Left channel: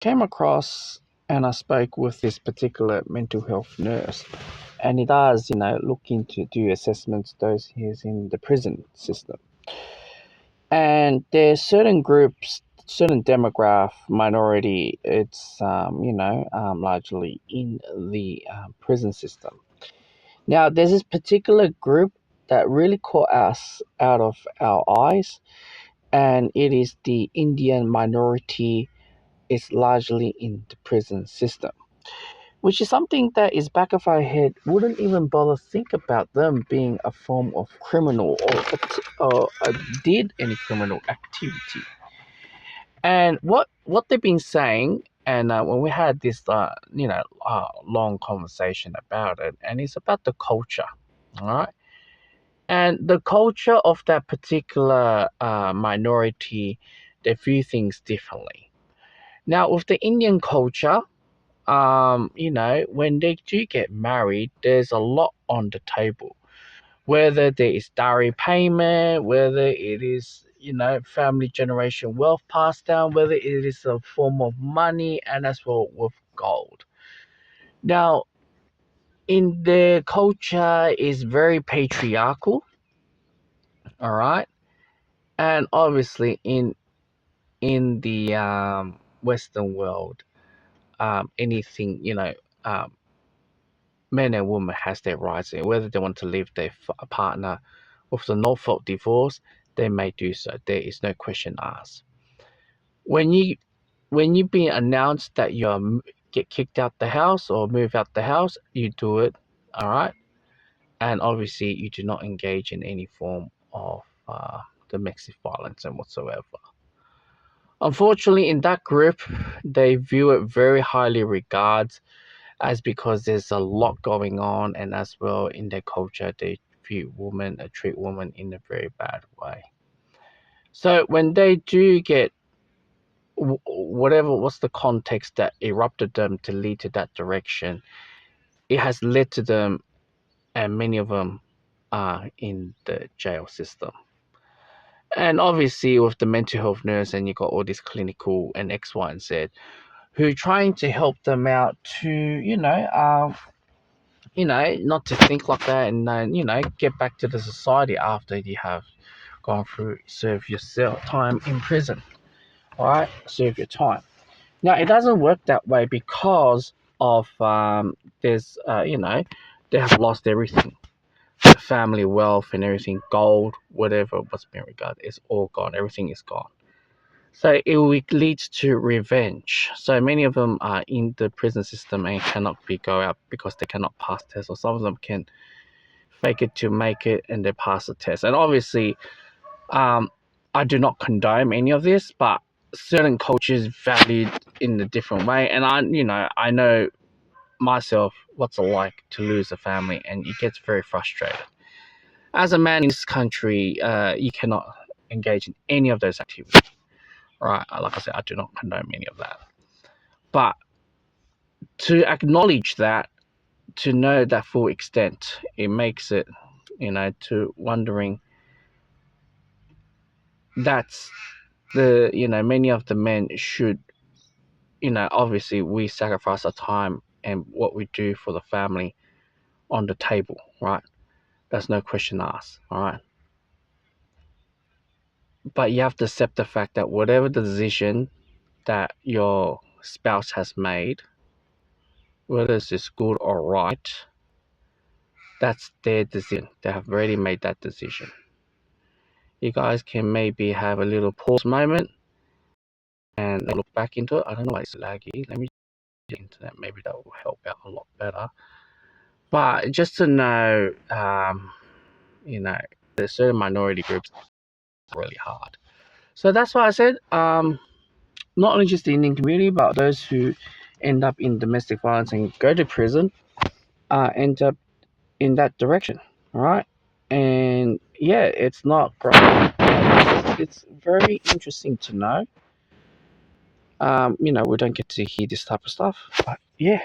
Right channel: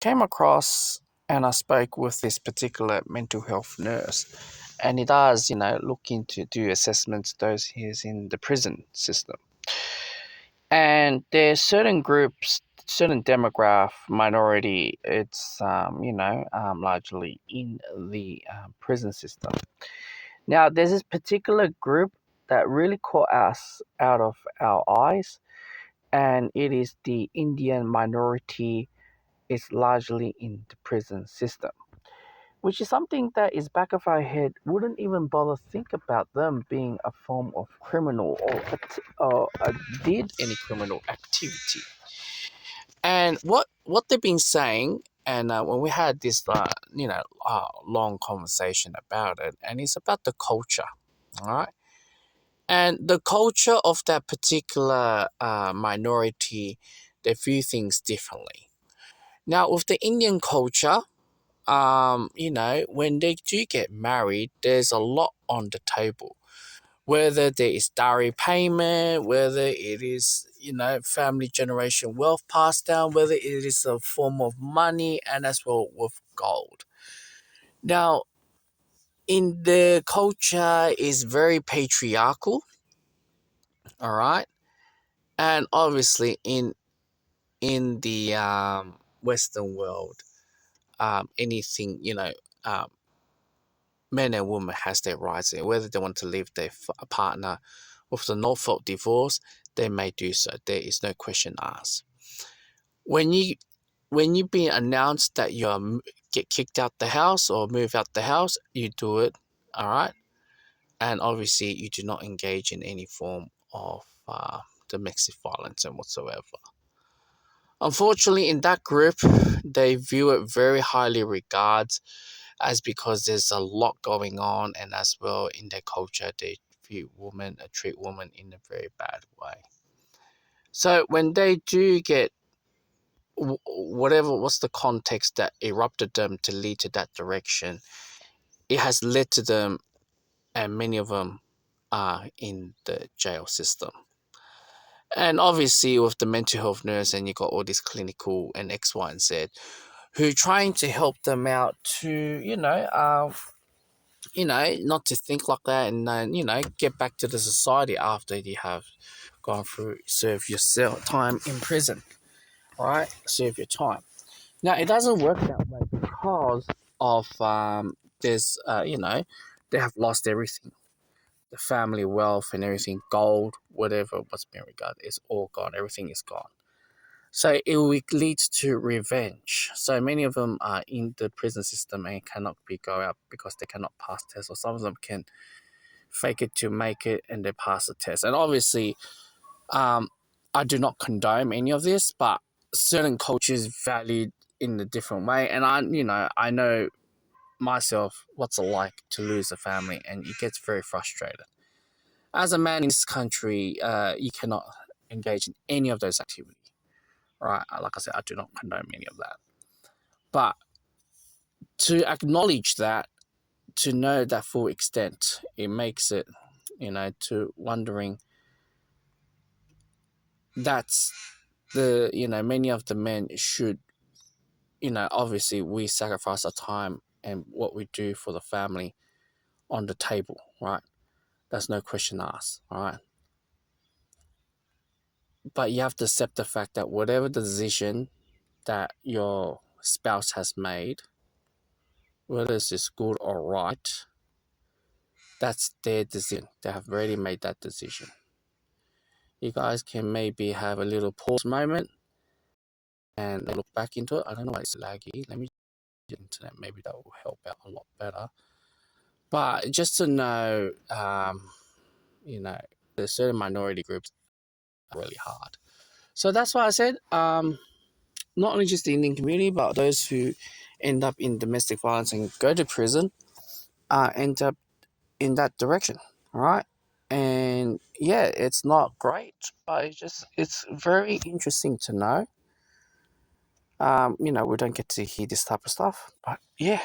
came across and I spoke with this particular mental health nurse, and he does, look into do assessments those years in the prison system. And there's certain groups, certain demograph minority. It's largely in the prison system. Now, there's this particular group that really caught us out of our eyes, and it is the Indian minority. Is largely in the prison system, which is something that is back of our head. Wouldn't even bother think about them being a form of criminal or did any criminal activity. And what they've been saying, and when we had this long conversation about it, and it's about the culture, all right, and the culture of that particular minority, they view things differently. Now, with the Indian culture, when they do get married, there's a lot on the table. Whether there is dowry payment, whether it is, family generation wealth passed down, whether it is a form of money, and as well with gold. Now, in the culture is very patriarchal, all right, and obviously in the Western world, anything men and women has their rights, and whether they want to leave their partner with the no-fault divorce, they may do so. There is no question asked. When you being announced that you get kicked out the house or move out the house, you do it, all right, and obviously you do not engage in any form of domestic violence and whatsoever. Unfortunately, in that group, they view it very highly regards as because there's a lot going on, and as well in their culture, they treat women in a very bad way. So when they do get what's the context that erupted them to lead to that direction, it has led to them, and many of them are in the jail system. And obviously, with the mental health nurse, and you got all this clinical and X, Y, and Z, who trying to help them out to, not to think like that, and get back to the society after you have gone through serve yourself time in prison. All right, serve your time. Now it doesn't work that way because of there's they have lost everything, the family wealth and everything, gold, whatever what's been regarded is all gone. Everything is gone. So it will lead to revenge. So many of them are in the prison system and cannot go out because they cannot pass tests, or some of them can fake it to make it and they pass the test. And obviously, I do not condone any of this, but certain cultures valued in a different way. And I know myself what's it like to lose a family, and it gets very frustrated. As a man in this country, you cannot engage in any of those activities. Right, like I said, I do not condone any of that. But to acknowledge that, to know that full extent, it makes it, to wondering that's many of the men should, obviously we sacrifice our time and what we do for the family on the table, right? That's no question asked, all right? But you have to accept the fact that whatever the decision that your spouse has made, whether it's good or right, that's their decision. They have already made that decision. You guys can maybe have a little pause moment and look back into it. I don't know why it's laggy. Let me get internet. Maybe that will help out a lot better. But just to know, there's certain minority groups are really hard. So that's why I said, not only just the Indian community, but those who end up in domestic violence and go to prison, end up in that direction. All right. And yeah, it's not great. It's very interesting to know. We don't get to hear this type of stuff, but yeah.